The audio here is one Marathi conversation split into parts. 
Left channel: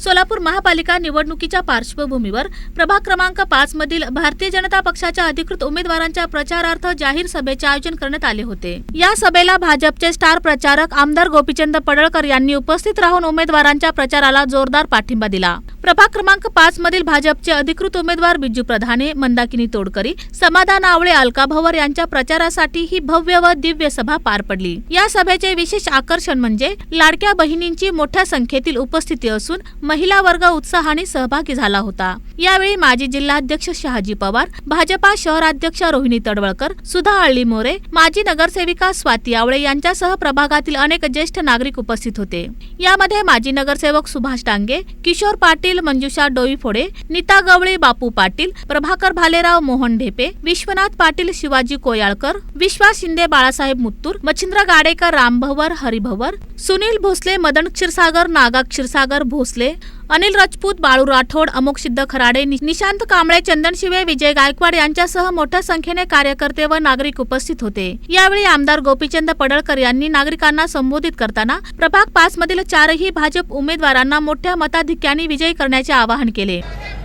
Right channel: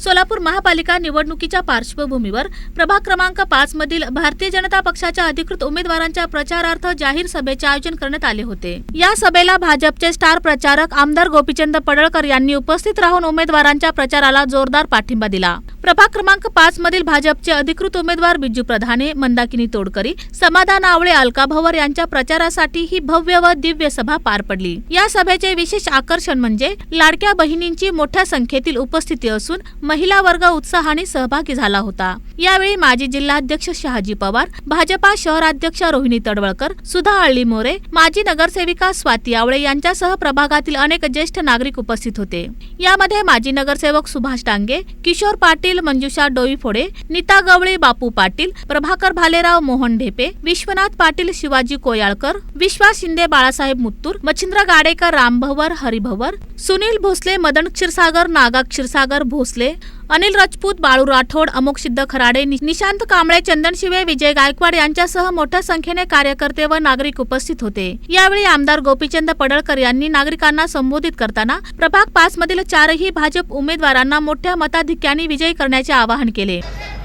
सोलापूर महापालिका निवडणुकीच्या पार्श्वभूमीवर प्रभाग क्रमांक पाच मधील भारतीय जनता पक्षाच्या अधिकृत उमेदवारांच्या प्रचारार्थ जाहीर सभेचे आयोजन करण्यात आले होते. या सभेला भाजपचे स्टार प्रचारक आमदार गोपीचंद पडळकर यांनी उपस्थित राहून उमेदवारांच्या प्रचाराला जोरदार पाठिंबा दिला. प्रभाग क्रमांक पाच मधील भाजपचे अधिकृत उमेदवार बिजू प्रधाने मंदाकिनी तोडकरी समाधान आवळे अलका भवर यांच्या प्रचारासाठी ही भव्य व दिव्य सभा पार पडली. या सभेचे विशेष आकर्षण म्हणजे लाडक्या बहिणींची मोठ्या संख्येतील उपस्थिती असून महिला वर्ग उत्साहाने सहभागी झाला होता. यावेळी माजी जिल्हाध्यक्ष शहाजी पवार भाजपा शहराध्यक्ष रोहिणी तडवळकर सुधा अळली मोरे माजी नगरसेविका स्वाती आवळे यांच्यासह प्रभागातील अनेक ज्येष्ठ नागरिक उपस्थित होते. यामध्ये माजी नगरसेवक सुभाष डांगे किशोर पाटील मंजुषा डोईफोडे नीता गवळी बापू पाटील प्रभाकर भालेराव मोहन ढेपे विश्वनाथ पाटील शिवाजी कोयाळकर विश्वास शिंदे बाळासाहेब मुत्तूर मच्छिंद्र गाडेकर रामभवर हरिभवर सुनील भोसले मदन क्षीरसागर नागा क्षीरसागर भोसले अनिल राजपूत बाळू राठोड अमोक सिद्ध खराडे नि- निशांत कांबळे चंदन शिवे विजय गायकवाड यांच्यासह मोठ्या संख्येने कार्यकर्ते व नागरिक उपस्थित होते. यावेळी आमदार गोपीचंद पडळकर यांनी नागरिकांना संबोधित करताना प्रभाग पाच मधील चारही भाजप उमेदवारांना मोठ्या मताधिक्याने विजयी करण्याचे आवाहन केले.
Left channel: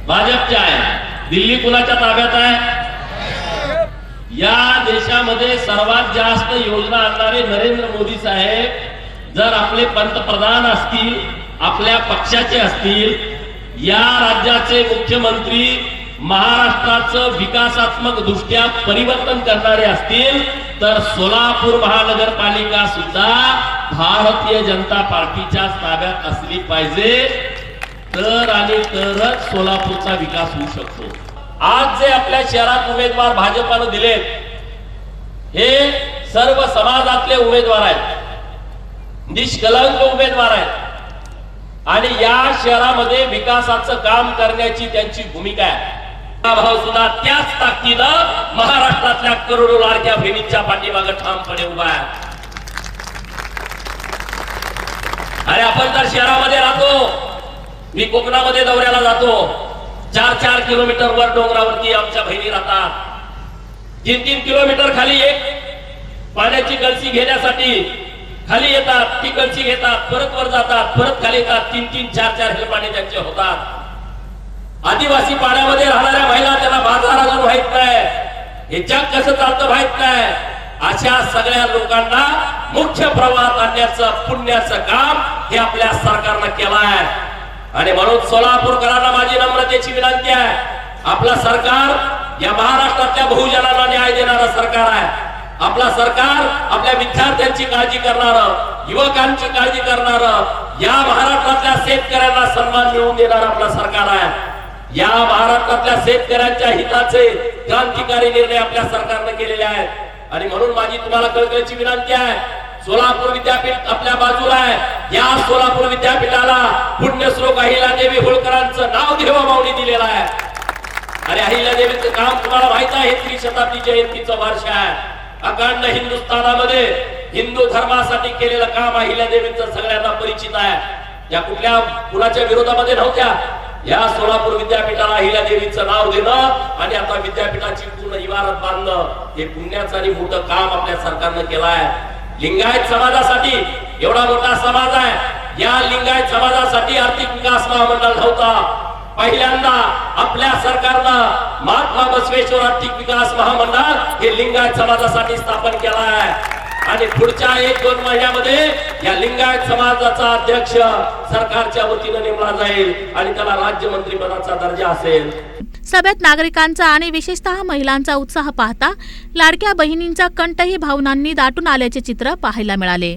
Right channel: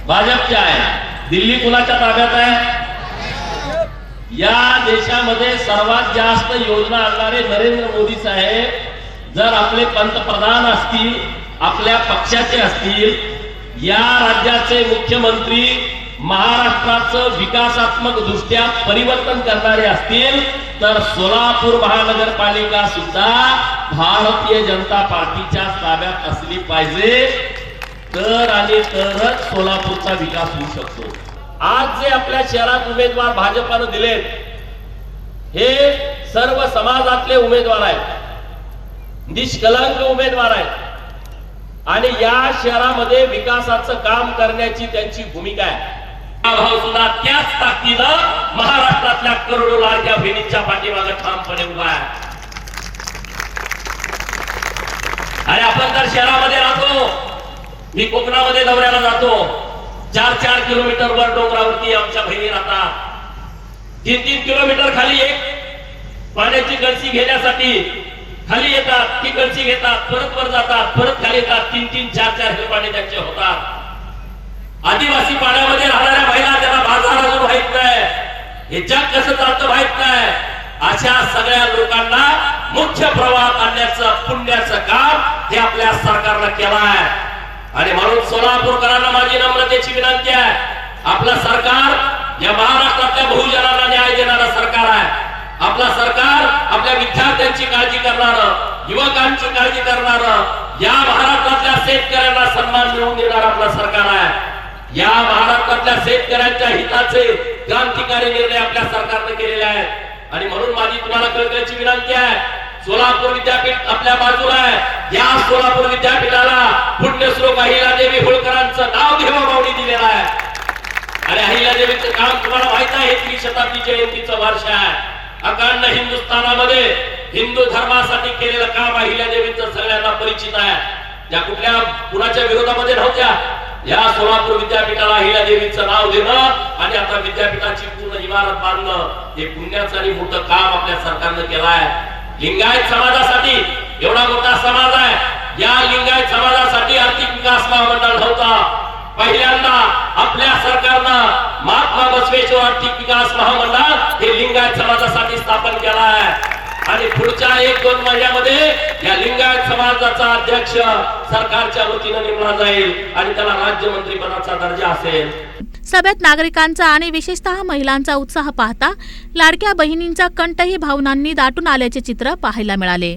भाजपचे आहे दिल्ली कुणाच्या ताब्यात आहे? या देशामध्ये सर्वात जास्त योजना आणणारे नरेंद्र मोदी साहेब जर आपले पंतप्रधान असतील आपल्या पक्षाचे असतील या राज्याचे मुख्यमंत्री महाराष्ट्राचं विकासात्मक दृष्ट्या परिवर्तन करणारे असतील तर सोलापूर महानगरपालिका सुद्धा भारतीय जनता पार्टीच्या ताब्यात असली पाहिजे. तर आणि तरच सोलापूरचा विकास होऊ शकतो. आज जे आपल्या शहरात उमेदवार भाजपानं दिलेत हे सर्व समाजातले उमेदवार आहेत. निष्कलंक उमेदवार आहेत. आणि या शहरामध्ये विकासाचं काम करण्याची त्यांची भूमिका आहे. सुद्धा त्याच ताकदीनं महाराष्ट्रातल्या करोडो लाडक्या बहिणीच्या पाठीमागे ठामपणे उभा आहे. आणि आपण तर शहरामध्ये राहतो मी कोकणामध्ये दौऱ्याला जातो चार चार किलोमीटर वर डोंगरावरती आमच्या बहिणी राहतात. तीन तीन किलोमीटर खाली एक पाण्याची गळसी घेण्यासाठी खाली येतात तिकडची घेतात परत वर जातात परत खाली येतात. तीन तीन चार चार पाणी त्यांचे होतात. आदिवासी पाण्यामध्ये राहणाऱ्या महिला त्यांना बाजार अजून माहीत काय हे जग कसं चालतं माहीत काय अशा सगळ्या लोकांना मुख्य प्रवाहात आणण्याचं पुण्याचं काम हे आपल्या सरकारनं केलं आहे. आणि म्हणून सोलापूरकरांना माझी नम्रतेची विनंती आहे. आपलं सरकार या महाराष्ट्रातल्या बहुजनाला न्याय देणारं सरकार आहे. आपलं सरकार विद्यार्थ्यांची काळजी करणार युवकांची काळजी करणार या महाराष्ट्रातल्या शेतकऱ्यांना सन्मान मिळवून देणार आपलं सरकार आहे. या महाराष्ट्रातल्या शेतकऱ्यांच्या हिताचे क्रांतिकारी निर्णय आपल्या सरकारने केलेले आहेत. आणि म्हणून माझी तुम्हाला कळकळीची विनंती आहे सोलापूर विद्यापीठ आपल्या बाजूला आहे. या सोलापूर विद्यापीठाला पुण्यश्लोक अहिल्यादेवी होळकरांचं नाव घेवा मावणी दिलेलं आहे. आणि अहिल्यादेवीचं काम तुम्हाला माहीत आहे ही शताब्दी जयंतीचं वर्ष आहे. अखंड हिंदुस्थानामध्ये हिंदू धर्मासाठी केलेलं काम अहिल्या देवीचं सगळ्यांना परिचित आहे. या कुठल्या कुणाच्या विरोधामध्ये नव्हत्या. या सोलापूर विद्यापीठाला अहिल्या देवीचं नाव देणं आणि आता विद्यापीठाची पूर्ण इमारत बांधणं हे पुण्याचं आणि मोठं काम आपल्या सरकारनं केलं आहे. लिंगायत समाजासाठी एवढा मोठा समाज आहे. या लिंगायत समाजासाठी आर्थिक विकास महामंडळ नव्हता. पहिल्यांदा आपल्या सरकारनं महात्मा बसवेश्वर आर्थिक विकास महामंडळ हे लिंगायत समाजासाठी स्थापन केलं आहे आणि पुढच्या एक दोन महिन्यामध्ये या लिंगायत समाजाचा अध्यक्ष सरकारच्या वतीनं नेमला जाईल आणि त्याला राज्यमंत्री पदाचा दर्जा असेल. सभेत नागरिकांचा आणि विशेषतः महिलांचा उत्साह पाहता लाडक्या बहिणींचा कंठही भावनांनी दाटून आल्याचे चित्र पाहायला मिळाले.